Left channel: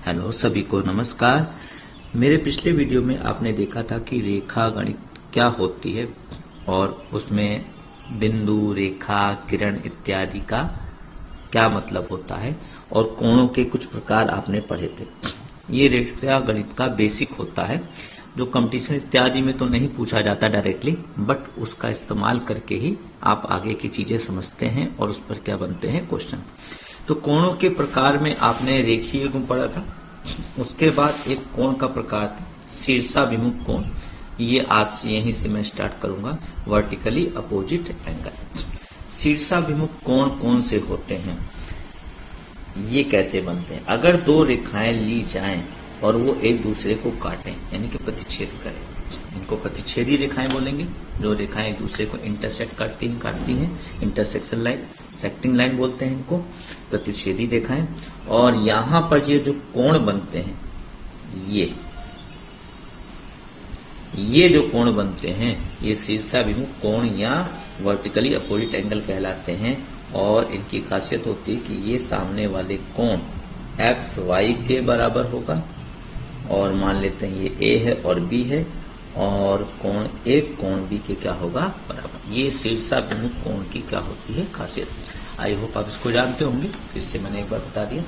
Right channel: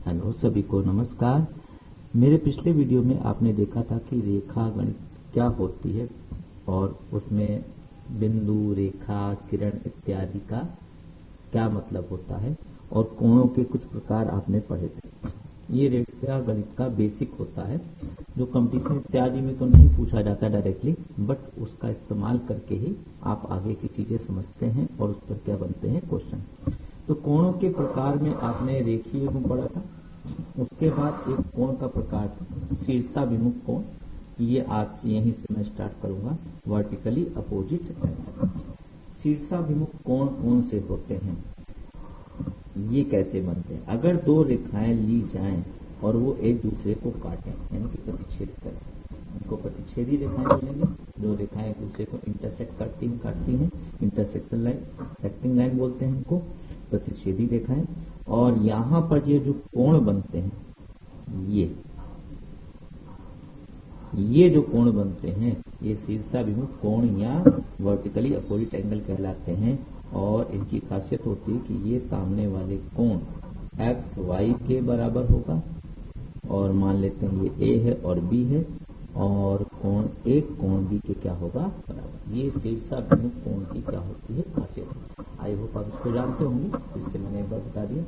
Hello सभी को नमस्कार। मेरे पिछले वीडियो में आपने देखा था कि रेखा गणित क्या होती है और उसमें बिंदु, रेखा, किरण इत्यादि का क्या मतलब होता है और कोणों के कुछ प्रकार आपने पढ़े थे। ये रेखा गणित का बेसिक होता है जो कंपटीशन इत्यादि में तो नहीं पूछा जाता डायरेक्टली, बट उसका इस्तेमाल करके ही आप आगे की चीजें समझते हैं और उस पर क्या बनते हैं क्वेश्चन। तो कोणों के प्रकार में आपने रेखीय गुण पढ़ा था। उसके बाद एक कोण का प्रकार था शीर्षाभिमुख कोण। ये आज से यहीं से मैं स्टार्ट करूंगा। Vertically opposite angle. शीर्षाभिमुख कोण कौन से होते हैं, ये कैसे बनते हैं? अगर दो रेखाएं ली जाएं और वो एक दूसरे को काटें यानी कि प्रतिच्छेद करें, इनको प्रतिच्छेदी रेखाएं बोलेंगे। जो रेखाएं एक दूसरे को इंटरसेक्ट काटती हैं इंटरसेक्शन लाइन, सेक्टिंग लाइन बोलते हैं इनको, प्रतिच्छेदी रेखाएं। और यहां पर ये जो कोण बनते हैं, ये जो कोण बनते हैं ये शीर्षाभिमुख कोण या वर्टिकली अपोजिट एंगल कहलाते हैं। और इनकी खासियत होती है कि ये सामने वाले कोण एक्स वाई के बराबर होगा और मान लेते हैं ये ए है और बी है, और कोण ए कोण बी के क्या होगा बराबर। ये शीर्षाभिमुख कोण की क्या होती है खासियत। आई होप आप इसको जानते होंगे, फिर से मैंने एक बार बता दिया।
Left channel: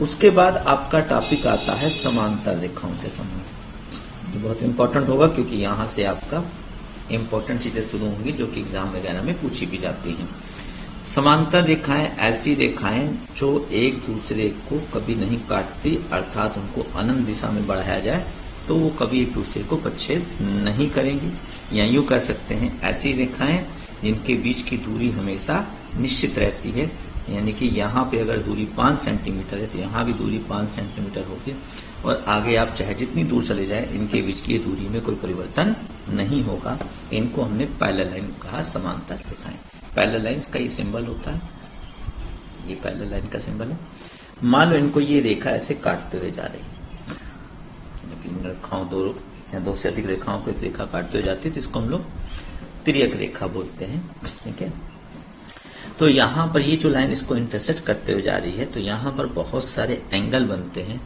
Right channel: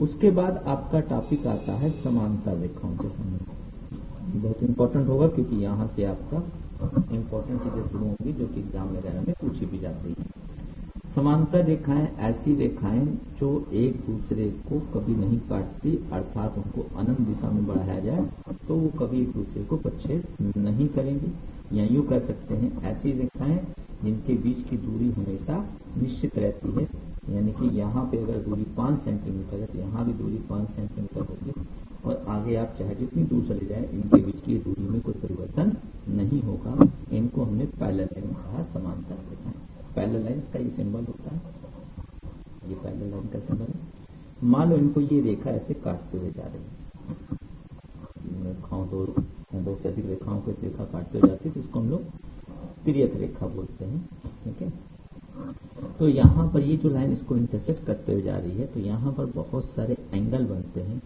उसके बाद आपका टॉपिक आता है समांतर रेखाओं से संबंधित। ये बहुत इंपॉर्टेंट होगा क्योंकि यहां से आपका इंपॉर्टेंट चीजें शुरू होंगी जो कि एग्जाम वगैरह में पूछी भी जाती हैं। समांतर रेखाएं ऐसी रेखाएं जो एक दूसरे को कभी नहीं काटती, अर्थात उनको अनंत दिशा में बढ़ाया जाए तो वो कभी एक दूसरे को प्रतिच्छेद नहीं करेंगी। या यूं कह सकते हैं ऐसी रेखाएं जिनके बीच की दूरी हमेशा निश्चित रहती है, यानी कि यहाँ पे अगर दूरी 5 सेंटीमीटर है तो यहाँ भी दूरी 5 सेंटीमीटर होगी और आगे आप चाहे जितनी दूर चले जाए इनके बीच की दूरी में कोई परिवर्तन नहीं होगा। इनको हमने पैरेलल लाइन कहा, समांतर रेखाएं। पैरेलल लाइन का ये सिंबल होता है, ये पैरेलल लाइन का सिंबल है। मान लो इनको ये रेखा ऐसे काटते हुए जा रही है, रेखाओं दो या दो से अधिक रेखाओं को एक रेखा काटते हुए जाती है तो इसको हम लोग तिर्यक रेखा बोलते हैं। ठीक है, तो यहाँ पर ये जो लाइन इसको इंटरसेक्ट करते हुए जा रही है तो यहाँ पर बहुत सारे एंगल बनते हैं,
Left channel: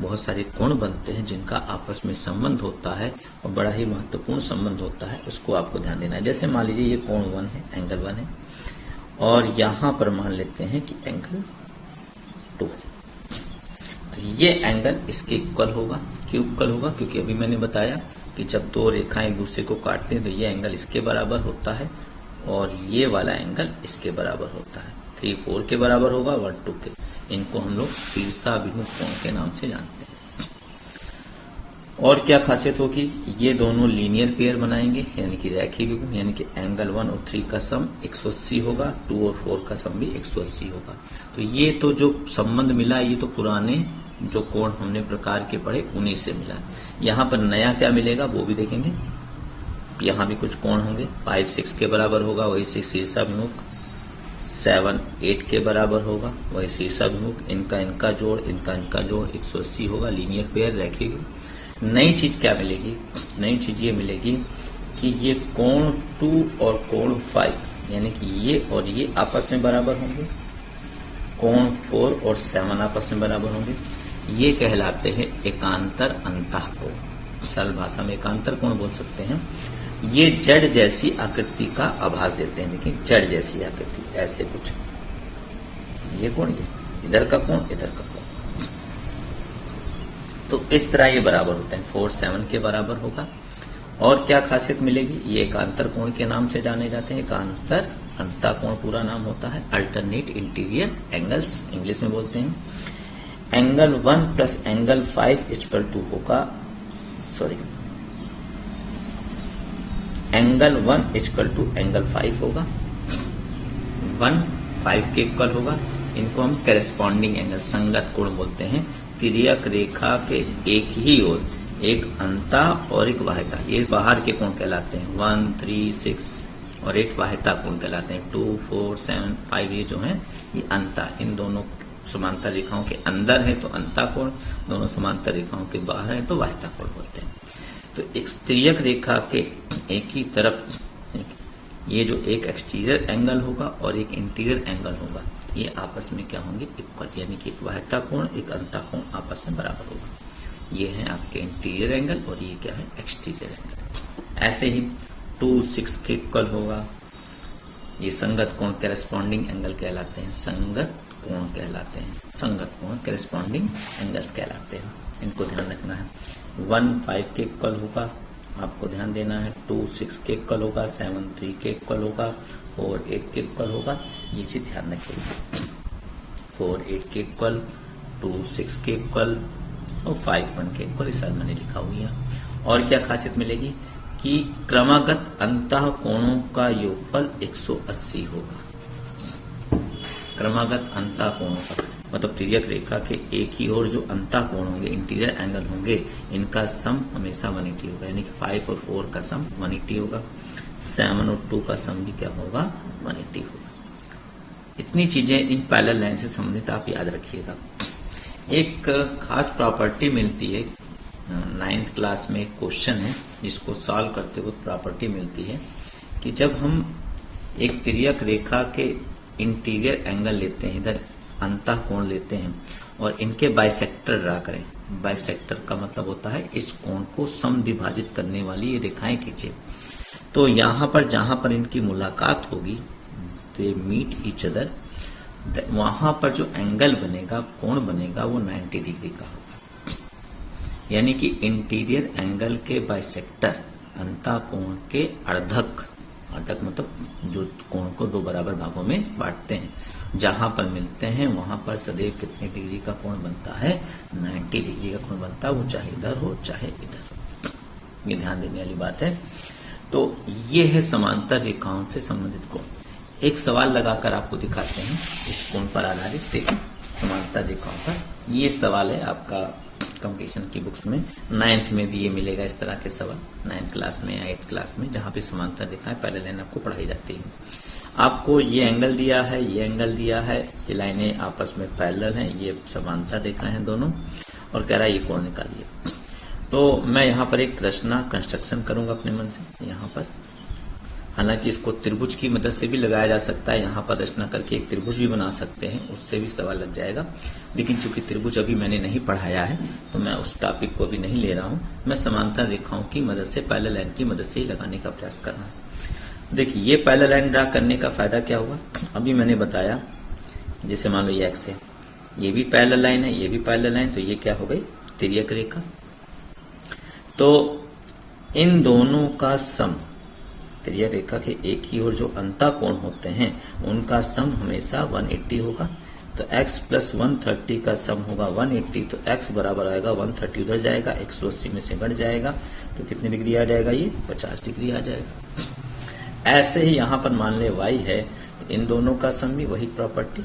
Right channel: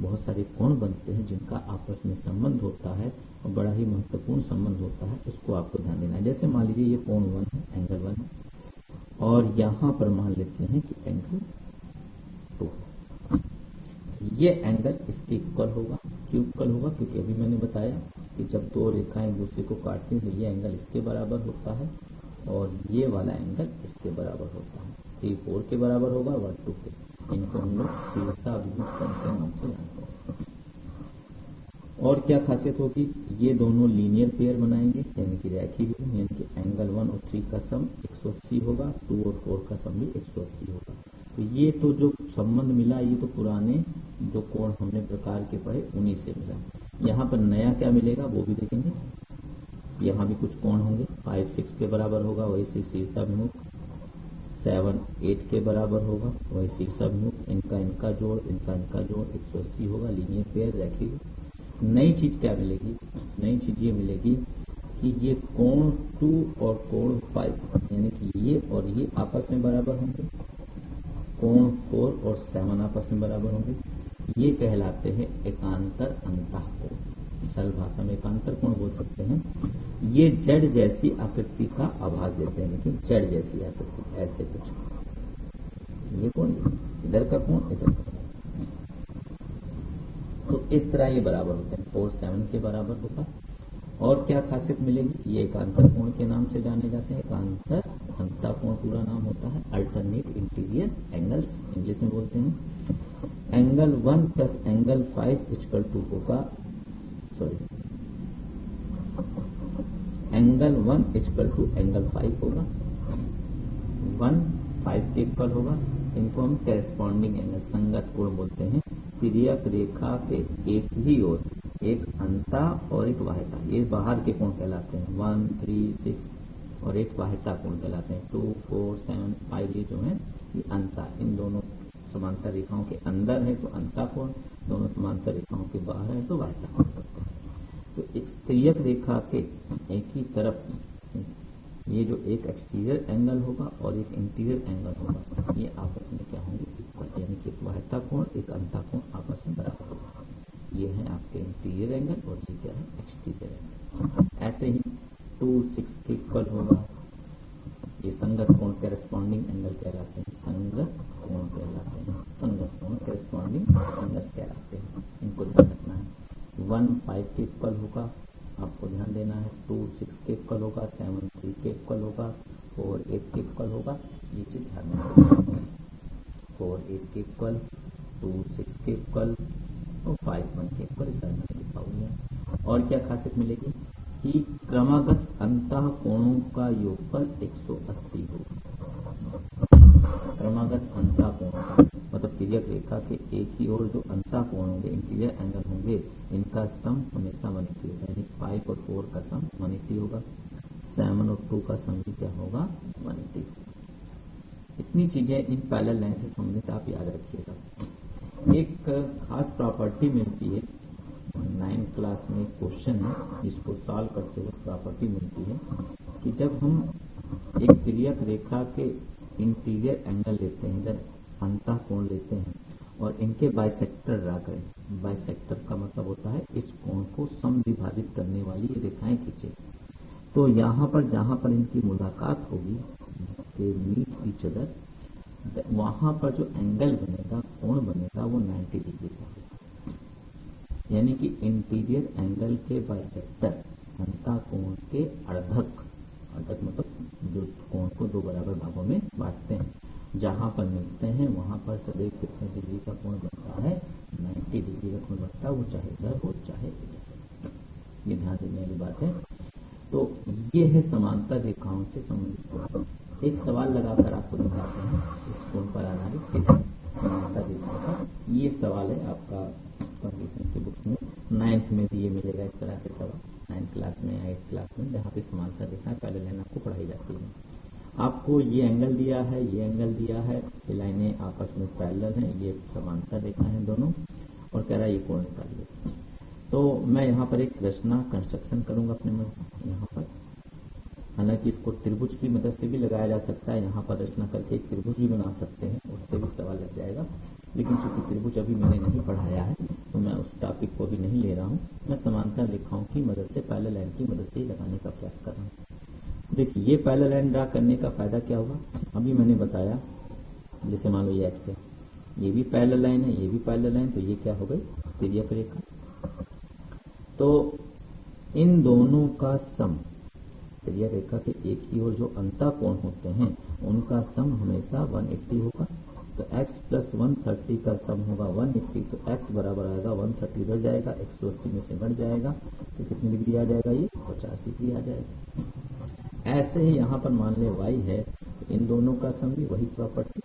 बहुत सारे कोण बनते हैं जिनका आपस में संबंध होता है और बड़ा ही महत्वपूर्ण संबंध होता है। उसको आपको ध्यान देना है। जैसे मान लीजिए ये कोण 1 है, एंगल 1 है, और यहाँ पर मान लेते हैं कि एंगल 2 है। तो ये एंगल इसके इक्वल होगा। क्यों इक्वल होगा? क्योंकि अभी मैंने बताया कि जब दो रेखाएं एक दूसरे को काटते हैं तो ये एंगल इसके बराबर होता है और ये वाला एंगल इसके बराबर होता है। 3, 4 के बराबर होगा, 1, 2 के। इनको हम लोग शीर्षाभिमुख कोण के नाम से जानते हैं। और क्या खासियत होगी? ये दोनों लीनियर पेयर बनाएंगे यानी कि रैखिक गुण, यानी कि एंगल 1 और 3 का सम 180 होगा, 2 और 4 का सम भी 180 होगा। तो ये तो जो संबंध मिला ये तो पुराने जो कोण हमने प्रकार के पढ़े उन्हीं से मिला। यहाँ पर नया क्या मिलेगा वो भी देखेंगे। यहाँ भी कुछ कोण होंगे, 5, 6 के बराबर होगा, वही से शीर्षाभिमुख 7, 8 के बराबर होगा, वही शीर्षाभिमुख। इनका जोड़ 180 होगा, लीनियर पेयर रखेगी। नई चीज क्या मिलेगी? नई चीज ये मिलेगी कि ये कोण 2 और कोण 5 यानी कि ये और ये आपस में बराबर होंगे, कोण 4 और 7 आपस में बराबर होंगे। ये कहलाते हैं एकांतर अंतःकोण। सरल भाषा में एकांतर कोण बोल सकते हैं। ये जड़ जैसी आकृति का आभास देते हैं। देखिए जड़ जैसी आकृति, ऐसे कुछ ये कोण, ये इधर का कोण, इधर का कोण, तो इस तरह ये बराबर होते हैं। 4, 7 के बराबर होगा। और क्या खासियत मिलेगी? ये एकांतर कोण के नाम से जाने जाते हैं। एकांतर अंतःकोण पूरा नाम होता है। अल्टरनेट इंटीरियर एंगल्स इंग्लिश में बोलते हैं। Angle 1 plus angle 5 equal to होगा, sorry, angle 1 equal to angle 5 होगा। 1 5 के इक्वल होगा। इनको हम करेस्पॉन्डिंग एंगल, संगत कोण बोलते हैं। तिर्यक रेखा के एक ही ओर एक अंता और एक वाह्यता, ये बाहर के कोण कहलाते हैं। 1, 3, 6 और 8 वाह्यता कोण कहलाते हैं। 2, 4, 7, 5 ये जो है ये अंता। इन दोनों समांतर रेखाओं के अंदर है तो अंता कोण, दोनों समांतर रेखाओं के बाहर है तो वाह्यता कोण बोलते हैं। तो एक तिर्यक रेखा के एक ही तरफ ये जो एक एक्सटीरियर एंगल होगा और एक इंटीरियर एंगल होगा, ये आपस में क्या होंगे, इक्वल, यानी कि एक बाह्यता कोण एक अंतः कोण आपस में बराबर होगा। ये है आपके इंटीरियर एंगल और ये क्या है, एक्सटीरियर एंगल। ऐसे ही 2, 6 के इक्वल होगा। ये संगत कोण करेस्पॉन्डिंग एंगल कहलाते हैं, संगत कोण कहलाते हैं, संगत कोण करेस्पॉन्डिंग एंगल्स कहलाते हैं। इनको ध्यान रखना है। 1, 5 के इक्वल होगा, आपको ध्यान देना है। 2, 6 के इक्वल होगा, 7, 3 के इक्वल होगा, 4, 8 के इक्वल होगा। ये चीज ध्यान रखिए। 4, 8 के इक्वल, 2, 6 के इक्वल और 5, 1 के इक्वल, इस मैंने लिखा हुई है। और क्या खासियत मिलेगी कि क्रमागत अंतः कोणों का योगफल 180 होगा। क्रमागत अंतः कोणों का मतलब तिर्यक रेखा के एक ही ओर जो अंतः कोण होंगे, इंटीरियर एंगल होंगे, इनका सम हमेशा 180 होगा। यानी कि 5 और 4 का सम 180 होगा, 7 और 2 का सम भी क्या होगा, 180 होगा। इतनी चीजें इन पैरेलल लाइन से संबंधित आप याद रखिएगा। एक खास प्रॉपर्टी मिलती है, 9th क्लास में एक क्वेश्चन है जिसको सॉल्व करते वक्त प्रॉपर्टी मिलती है कि जब हम एक तिर्यक रेखा के इंटीरियर एंगल लेते हैं, इधर अंतः कोण लेते हैं और इनके बाइसेक्टर ड्रा करें। बाइसेक्टर का मतलब होता है इस कोण को समद्विभाजित करने वाली ये रेखाएं खींचे। तो यहां पर जहां पर इनकी मुलाकात होगी, दे मीट ईच अदर, वहां पर जो एंगल बनेगा, कोण बनेगा, वो 90 डिग्री का होगा। यानी कि इंटीरियर एंगल के बाइसेक्टर अंतः कोण के अर्धक, अर्धक मतलब जो कोण को 2 बराबर भागों में बांटते हैं, जहां पर मिलते हैं वहां पर सदैव कितने डिग्री का कोण बनता है, 90 डिग्री का कोण बनता है, वो चाहे इधर हो चाहे इधर हो। ये ध्यान देने वाली बात है। तो ये है समांतर रेखाओं से संबंधित कोण। एक सवाल लगाकर आपको दिखाते हैं इस कोण पर आधारित। देखिए समांतर रेखाओं पर ये सवाल है आपका कंपटीशन की बुक्स में, 9th में भी ये मिलेगा इस तरह के सवाल, 9th क्लास में या 8th क्लास में, जहां पे समांतर रेखाएं पैरेलल लाइन आपको पढ़ाई जाती है। आपको ये एंगल दिया है, ये एंगल दिया है, ये लाइनें आपस में पैरेलल हैं, ये समांतर रेखाएं हैं दोनों, और कह रहा है ये कोण निकालिए। तो मैं यहाँ पर एक रचना कंस्ट्रक्शन करूंगा अपने मन से यहाँ पर। हालांकि इसको त्रिभुज की मदद से भी लगाया जा सकता है, यहाँ पर रचना करके एक त्रिभुज भी बना सकते हैं, उससे भी सवाल लग जाएगा। लेकिन चूंकि त्रिभुज अभी मैंने नहीं पढ़ाया है तो मैं उस टॉपिक को भी नहीं ले रहा हूं। मैं समांतर रेखाओं की मदद से, पैरेलल लाइन की मदद से ही लगाने का प्रयास कर रहा हूं। देखिए ये पैरेलल लाइन ड्रा करने का फायदा क्या हुआ, अभी मैंने बताया, जैसे मान लो ये एक्स है, ये भी पैरेलल लाइन है, ये भी पैरेलल लाइन, तो ये क्या हो गई, तिर्यक रेखा। तो इन दोनों का सम, तिर्यक रेखा के एक ही ओर जो अंतः कोण होते हैं उनका सम हमेशा 180 होगा। तो x प्लस 130 का सम होगा 180, तो x बराबर आएगा 130 उधर जाएगा, 180 में से घट जाएगा, तो कितनी डिग्री आ जाएगा, ये 50 डिग्री आ जाएगा। ऐसे ही यहां पर मान ले y है, तो इन दोनों का सम भी वही प्रॉपर्टी,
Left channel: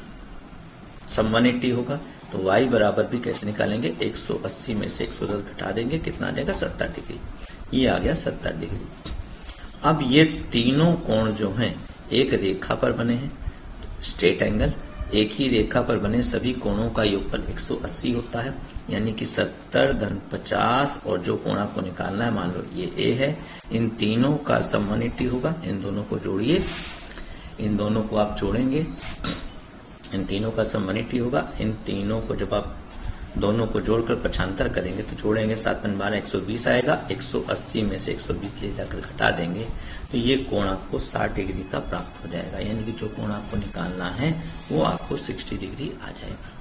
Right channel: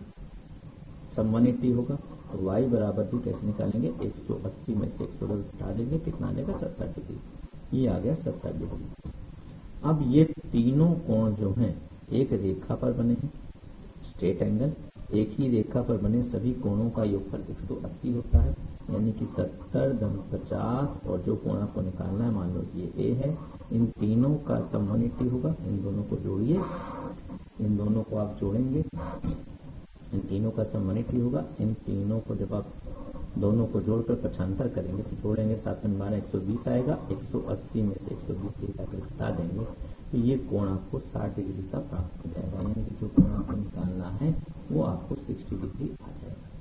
सम 180 होगा। तो y बराबर भी कैसे निकालेंगे, 180 में से 110 घटा देंगे, कितना आ जाएगा, 70 डिग्री। ये आ गया 70 डिग्री। अब ये तीनों कोण जो हैं एक रेखा पर बने हैं, स्ट्रेट एंगल, एक ही रेखा पर बने सभी कोणों का योगफल 180 होता है। यानी कि 70 धन 50, और जो कोण आपको निकालना है, मान लो ये ए है, इन तीनों का सम 180 होगा। इन दोनों को जोड़िए, इन दोनों को आप जोड़ेंगे, इन तीनों का सम 180 होगा। इन तीनों को जब आप दोनों को जोड़कर पक्षांतर करेंगे तो जोड़ेंगे, 7 × 12 120 आएगा, 180 में से 120 ले जाकर घटा देंगे, तो ये कोण आपको 60 डिग्री का प्राप्त हो जाएगा। यानी कि जो कोण आपको निकालना है वो आपको 60 डिग्री आ जाएगा।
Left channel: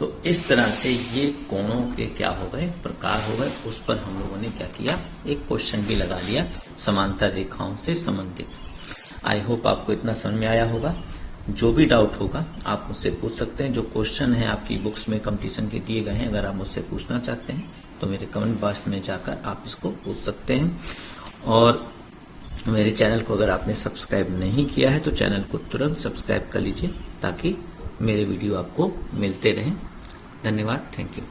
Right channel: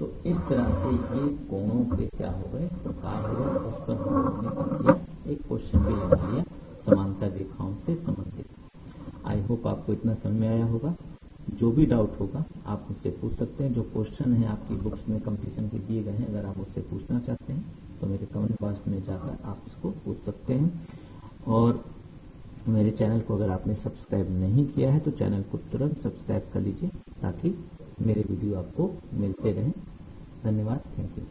तो इस तरह से ये कोणों के क्या हो गए, प्रकार हो गए, उस पर हम लोगों ने क्या किया, एक क्वेश्चन भी लगा लिया समांतर रेखाओं से संबंधित। आई होप आपको इतना समझ में आया होगा। जो भी डाउट होगा आप मुझसे पूछ सकते हैं। जो क्वेश्चन है आपकी बुक्स में कंपटीशन के दिए गए हैं, अगर आप मुझसे पूछना चाहते हैं तो मेरे कमेंट बॉक्स में जाकर आप इसको पूछ सकते हैं। और मेरे चैनल को अगर आपने सब्सक्राइब नहीं किया है तो चैनल को तुरंत सब्सक्राइब कर लीजिए, ताकि मेरे वीडियो आपको मिलते रहें। धन्यवाद, थैंक यू।